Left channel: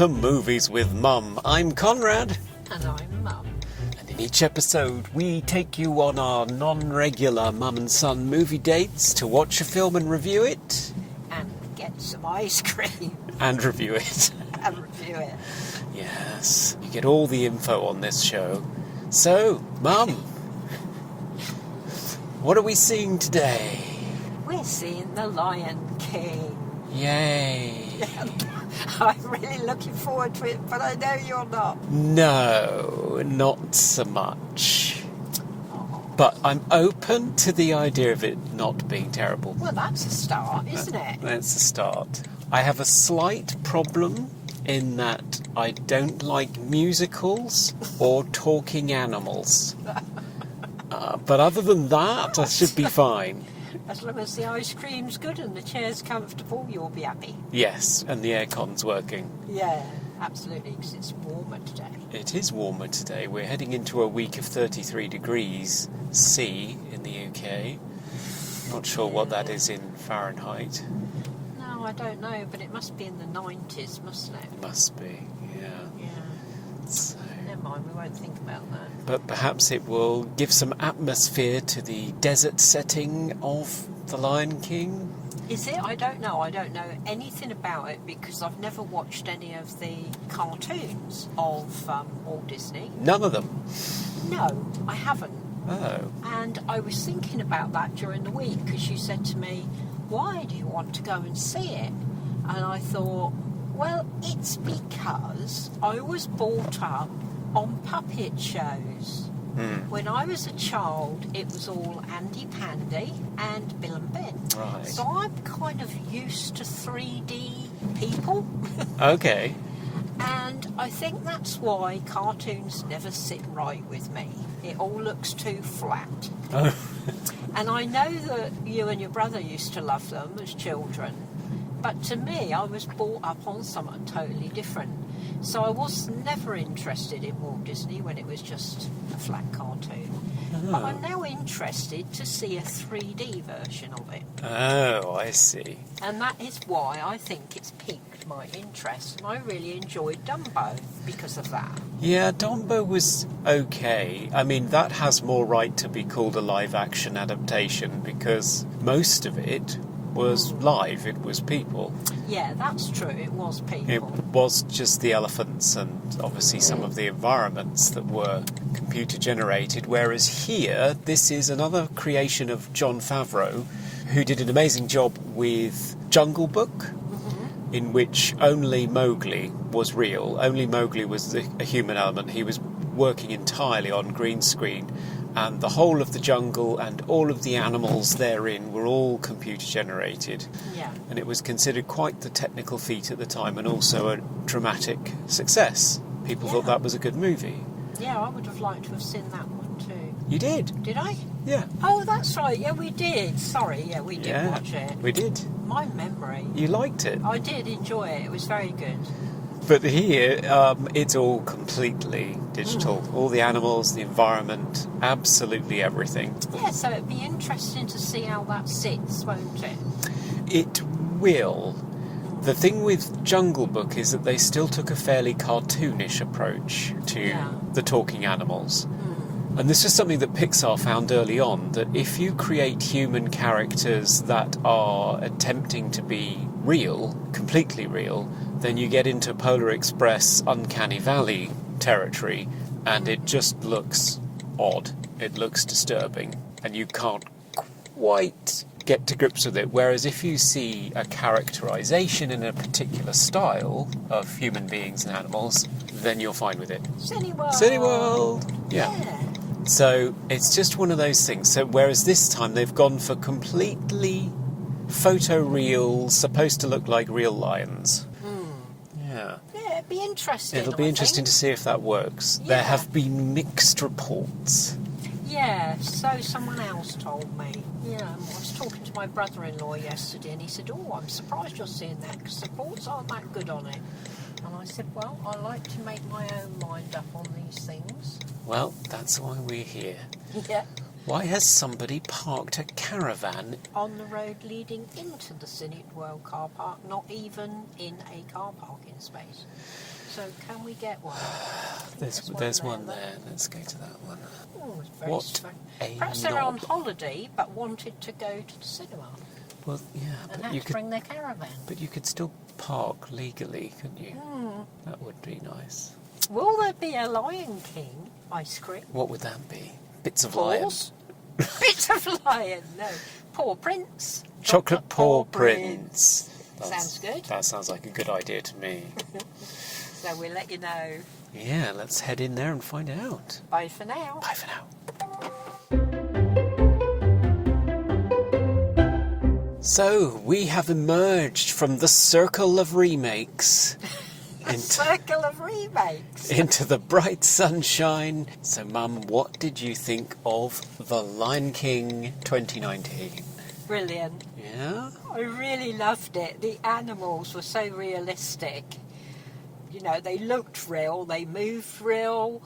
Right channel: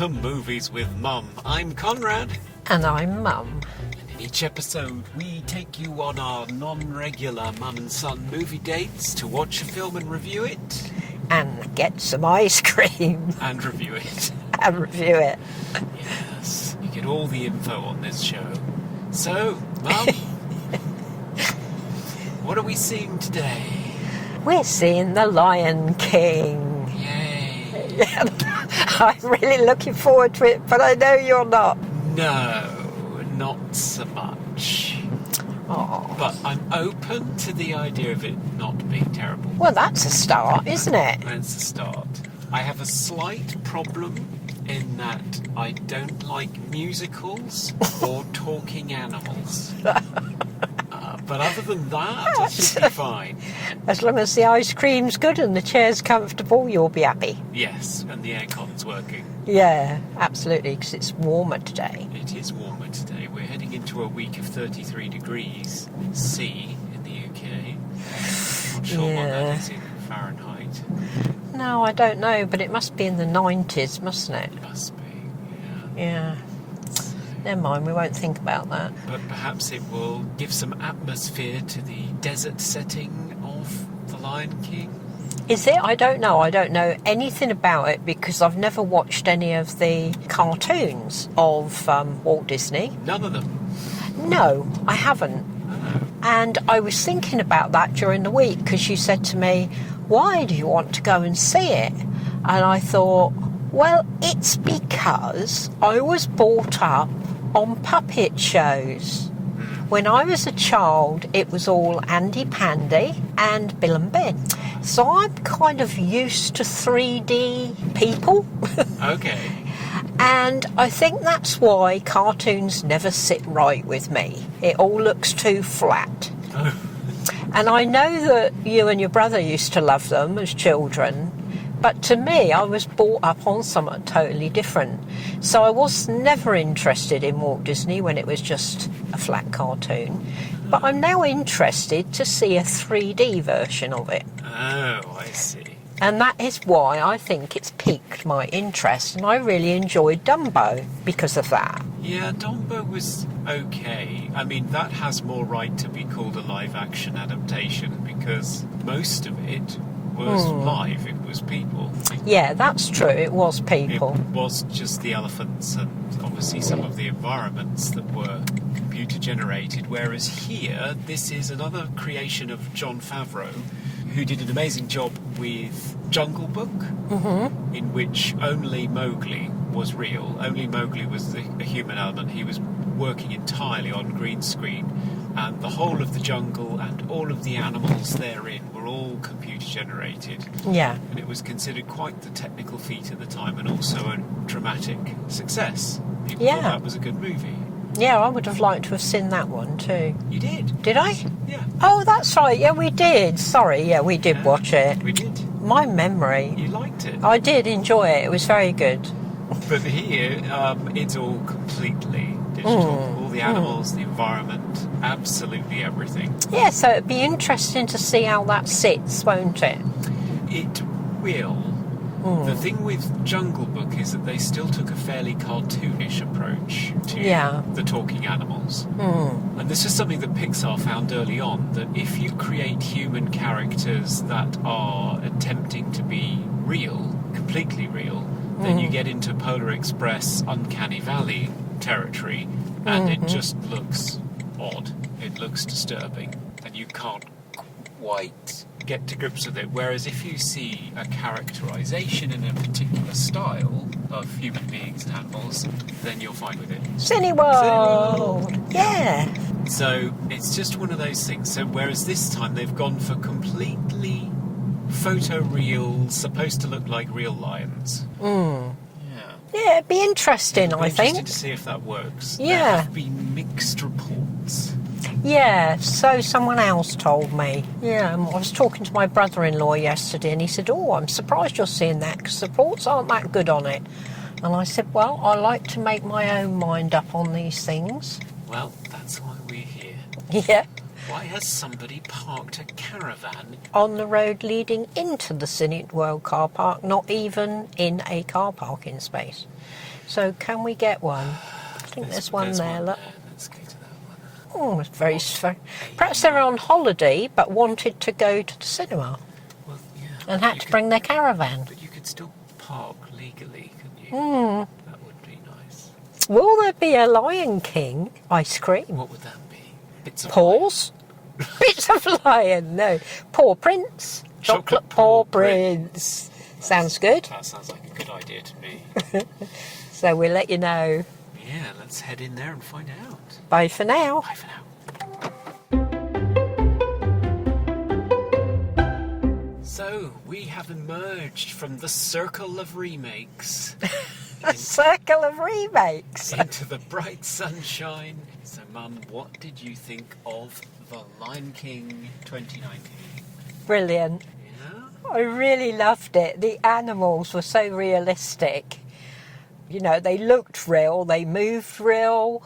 to Movies with Mum. I'm Conrad. And I'm Mum. And in each episode, we take you on our non-regular mum and son movie dates to watch a film and review it. And get some ice cream. And review it. And review it. Yes, you get all the info on this show. So, Mum, what are we seeing today? We're seeing The Lion King. Yay. I'm really looking forward to it, but I know you're not. No, not so much. Oh. But I'm open to the idea of it not being terrible. Well, that's a start, isn't it? That's a start. I have a slight problem in that I don't like musicals or talking animals. But other than that, I should be fine. As long as the ice cream's good and the chair's comfortable, you'll be happy. Yes, and the aircon's working. Yeah, absolutely, because it's warmer today. It is warmer today. We're heading into a week of 33 degrees C in the UK. Not sure what that is in Fahrenheit. No, I don't know, but it must be in the 90s, mustn't it? Must be, yeah. Yeah. Never mind, we won't think about that. But perhaps it will give some atmosphere to the desert setting of The Lion King. Is it? I don't know. I don't know anything about it because I've never watched any of the cartoons of Walt Disney. None of them? No, I haven't. Oh. And I was thinking about that during the week because you said to me, why do you want to go and see it? And I thought, well, it's because I was brought up on puppet shows. When I was a child, it was all Andy Pandy and Bill and Ben. Right. So I'm kind of used to 3D people. Okay. And I think that's why cartoons never sit right with me. It all looks too flat. Oh. And I know that you and your brother used to love them as children, but to me, I was brought up on something totally different. So I was never interested in Walt Disney when it was just a flat cartoon. But I'm now interested to see a 3D version of it. Oh, I see. And that is why I think it's piqued my interest, and I really enjoyed Dumbo because of that. Yeah, Dumbo was okay. I mean, that has more right to be called a live-action adaptation because most of it was live, it was people. Yeah, that's true, it was people. It was just the elephants and obviously some of the environments that were computer-generated, whereas here, this is another creation of Jon Favreau, who did an amazing job with Jungle Book, in which only Mowgli was real. Only Mowgli was a human element. He was working entirely on green screen, and the whole of the jungle and all of the animals therein were all computer generated. Yeah. And it was considered quite the technical feat at the time and also a dramatic success. People thought that was a good movie. Yeah, I would have liked to have seen that one too. You did? Did I? Yeah. Oh, that's right. Yeah, we did. Sorry, yeah, we did watch it. We did. My memory. You liked it. I did enjoy it. It was very good. But here, it's all completely digital. All the animals, the environment, absolutely everything. Yeah, so it'd be interesting to see how that sits, won't it? It will. The thing with Jungle Book is that they still took a fairly cartoonish approach to the talking animals. And this is something that Pixar found early on, that if you create human characters that are attempting to be real, completely real, then you get into Polar Express Uncanny Valley territory, and it just looks odd. It looks disturbing, and you can't quite get to grips with it. Whereas if you see a characterization in a particular style of human beings and animals, then you're fine with it. Cineworld! Cineworld! Yeah. So it's just one of those things. So whereas this time they've gone for completely photoreal, supposed to look like real lions. Yeah. Yeah, it'd be interesting, It'll be I interesting think. to see if that works. Yeah. There have been mixed reports. Yeah, so someone else told me. Yeah, I was talking to my brother-in-law yesterday and he said, oh, I'm surprised you're seeing that because the reports aren't that good on it. And I said, well, I like to make my own mind up on these things. Well, that's why we're here. Yeah. Why has somebody parked a caravan On the road leading into the Cineworld car park, not even in a car parking space? So can we get one? I think there's one there. Look. Let's go to that one. Oh, it's very. Perhaps they're on holiday but wanted to go to the cinema. Well, yeah. And had to bring their caravan. But you could still park legally, couldn't you? That would be nice. Will there be a Lion King ice cream? What would that be? Bits of Paws? Bits of lion, no. Paw Prince. Chocolate Paw Prince. Sounds good. That sounds like a good idea to me. So we'll let you know. Yeah, let's head in there and find out. Bye for now. Bye for now. So, we have emerged from the circle of remakes. A circle of remakes. Into the bright sunshine. So, Mum, what did you think of The Lion King 2019? Brilliant. Yeah? I really loved it. The animals were so realistic. You know, they looked real, they moved real.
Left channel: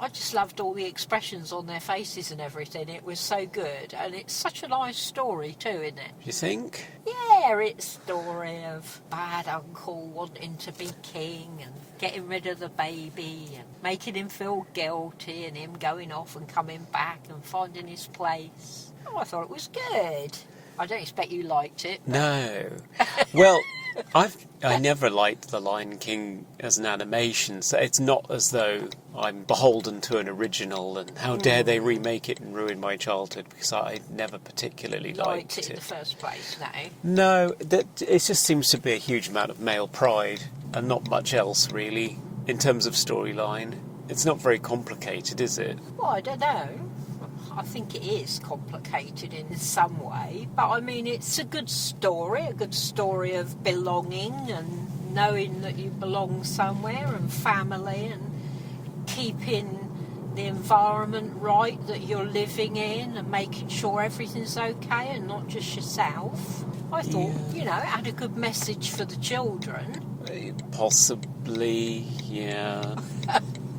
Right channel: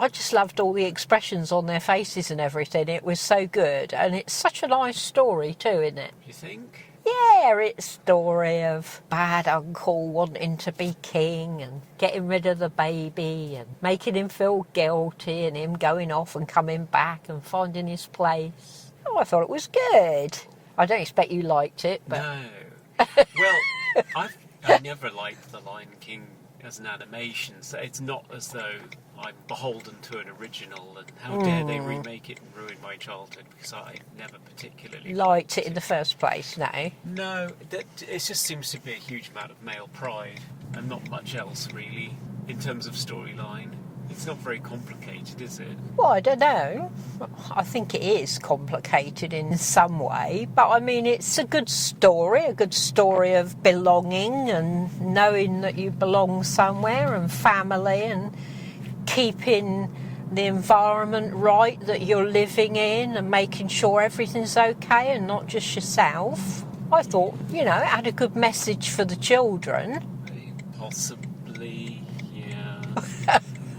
I just loved all the expressions on their faces and everything. It was so good. And it's such a nice story too, isn't it? You think? Yeah, it's a story of bad uncle wanting to be king and getting rid of the baby and making him feel guilty and him going off and coming back and finding his place. Oh, I thought it was good. I don't expect you liked it. But... No. Well, I never liked The Lion King as an animation, so it's not as though I'm beholden to an original and how dare they remake it and ruin my childhood, because I never particularly liked it in the first place, no? No, it just seems to be a huge amount of male pride and not much else really in terms of storyline. It's not very complicated, is it? Well, I don't know. I think it is complicated in some way, but I mean, it's a good story of belonging and knowing that you belong somewhere and family and keeping the environment right that you're living in and making sure everything's okay and not just yourself. I thought, you know, it had a good message for the children. Possibly, yeah.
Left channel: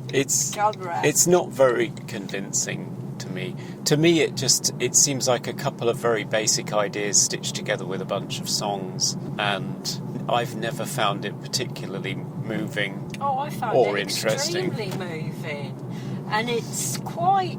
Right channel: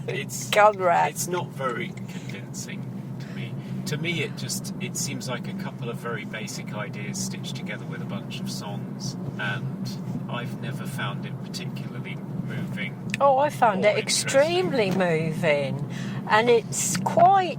It's not very convincing to me. To me, it seems like a couple of very basic ideas stitched together with a bunch of songs, and I've never found it particularly moving. Oh, I found it interesting. Extremely moving, and it's quite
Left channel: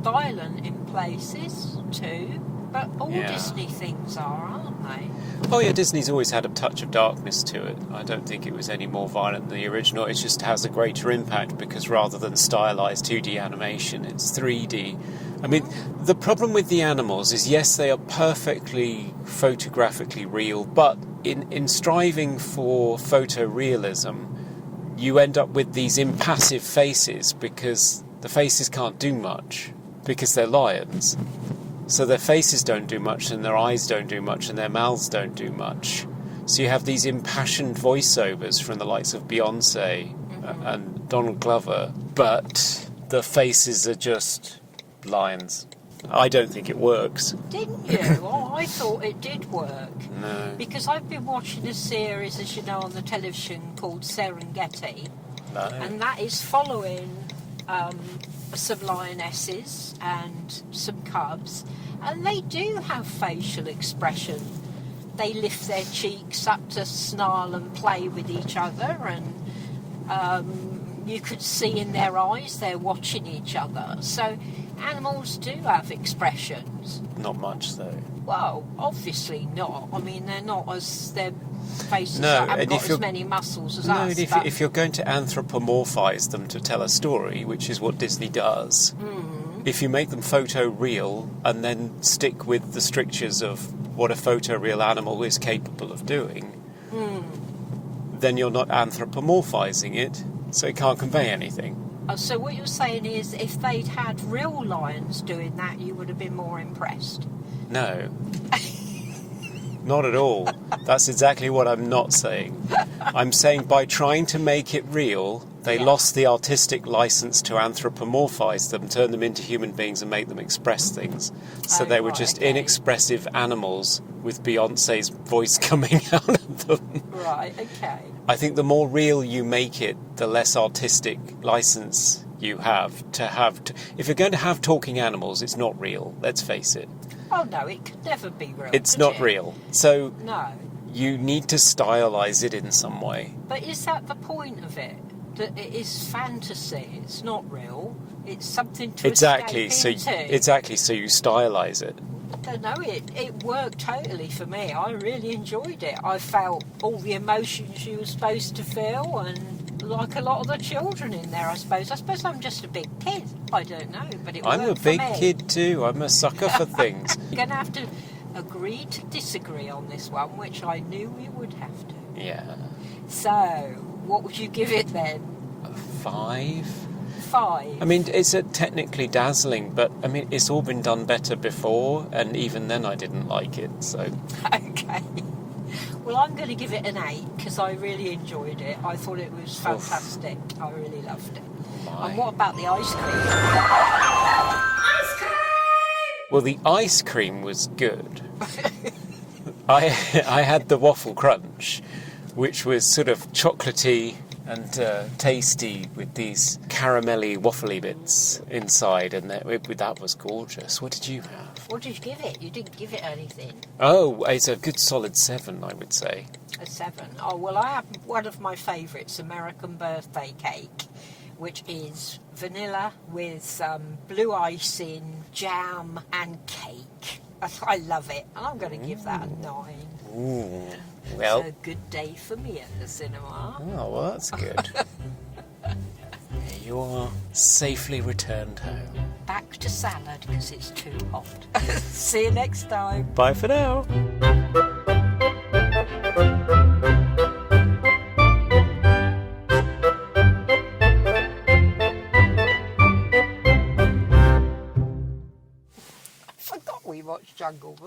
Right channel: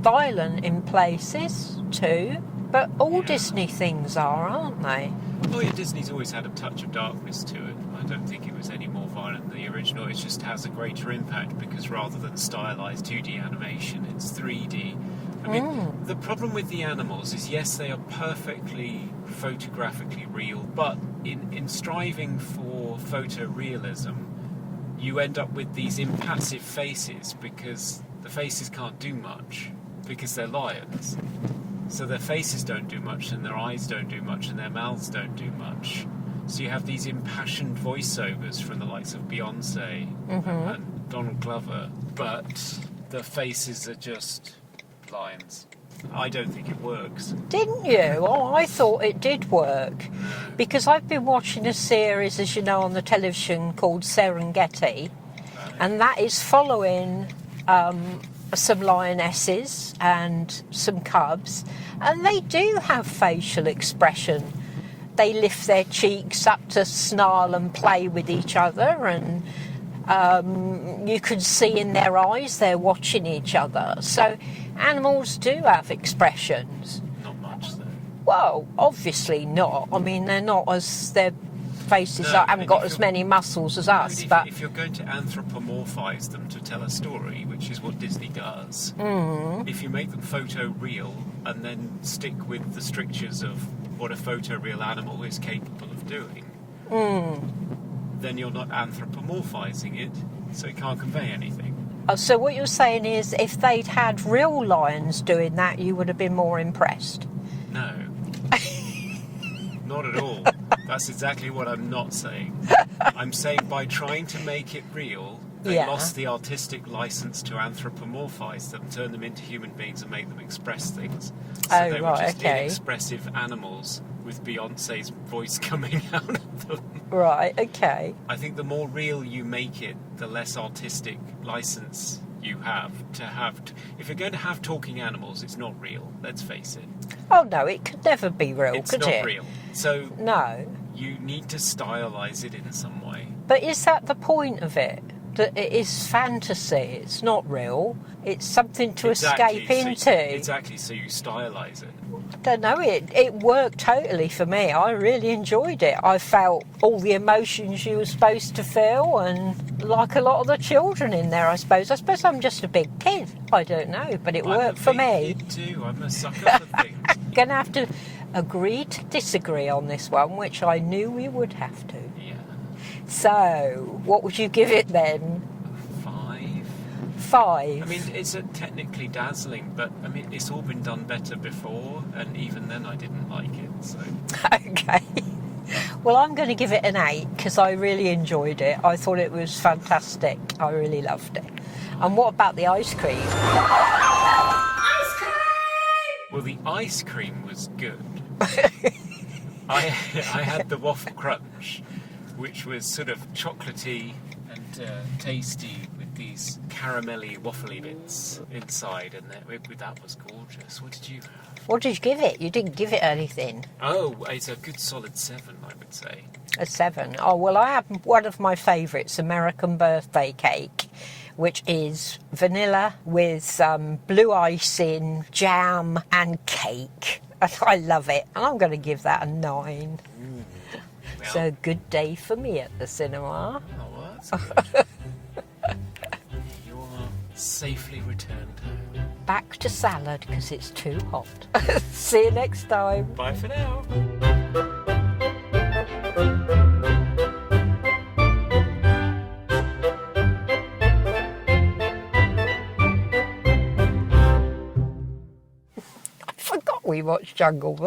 violent in places too. But all Disney things are, aren't they? Oh yeah, Disney's always had a touch of darkness to it. I don't think it was any more violent than the original. It just has a greater impact because rather than stylized 2D animation, it's 3D. I mean, the problem with the animals is, yes, they are perfectly photographically real, but in striving for photorealism, you end up with these impassive faces because the faces can't do much because they're lions. So their faces don't do much, and their eyes don't do much, and their mouths don't do much. So you have these impassioned voiceovers from the likes of Beyonce and Donald Glover, but the faces are just lions. I don't think it works. Didn't you? Oh, I thought it did work. No. Because I've been watching a series, as you know, on the television called Serengeti, and that is following some lionesses and some cubs, and they do have facial expression. They lift their cheeks up to snarl and play with each other, and you can see in their eyes they're watching each other. So animals do have expressions. Not much, though. Well, obviously not. I mean, they're not as... their faces haven't got as many muscles as us. If you're going to anthropomorphise them to tell a story, which is what Disney does, if you make them photoreal and then stick with the strictures of what a photoreal animal is capable of doing, then you're not anthropomorphising it, so it can't convey anything. So what you're saying is, if they'd had real lions doing that, you would have been more impressed? No. Not at all. That's exactly what I'm not saying. I'm saying by trying to make it real, they lost the artistic license to anthropomorphise them, turn them into human beings and make them express things. So they were just inexpressive animals with Beyonce's voice coming out of them. Right, okay. I think the more real you make it, the less artistic license you have to have... If you're going to have talking animals, it's not real, let's face it. Oh, no, it could never be real, It's not real. So... No. You need to stylize it in some way. But is that the point of it? That it is fantasy, it's not real, it's something to escape into. Exactly, so you stylize it. I don't know, it worked totally for me. I really enjoyed it. I felt all the emotions you were supposed to feel, and like a lot of the children in there, I suppose. I suppose I'm just a big kid. I don't know, but it worked for me. I'm a big kid too. I'm a sucker for things. You're going to have to agree to disagree on this one, which I knew we would have to. Yeah. So, what would you give it then? 5. 5? I mean, it's technically dazzling, but I mean, it's all been done better before, and even then I didn't like it, so... Okay. Well, I'm going to give it an 8, because I really enjoyed it. I thought it was fantastic. Oof. I really loved it. Right. And what about the ice cream? Ice cream! Well, the ice cream was good. I had the waffle crunch, which was sort of chocolatey and tasty with these caramelly, waffly bits inside, and that was gorgeous. What did you have? What did you give it? You didn't give it anything. Oh, it's a good solid 7, I would say. A 7. Oh, well, I have one of my favourites, American birthday cake, which is vanilla with blue icing, jam and cake. I love it, and I'm going to give that a 9. Ooh. Well, it's a good day for me at the cinema. Oh, well, that's good. You're safely returned home. Back to salad, because it's too hot. See you next time. Bye for now. I forgot we watched Jungle Book.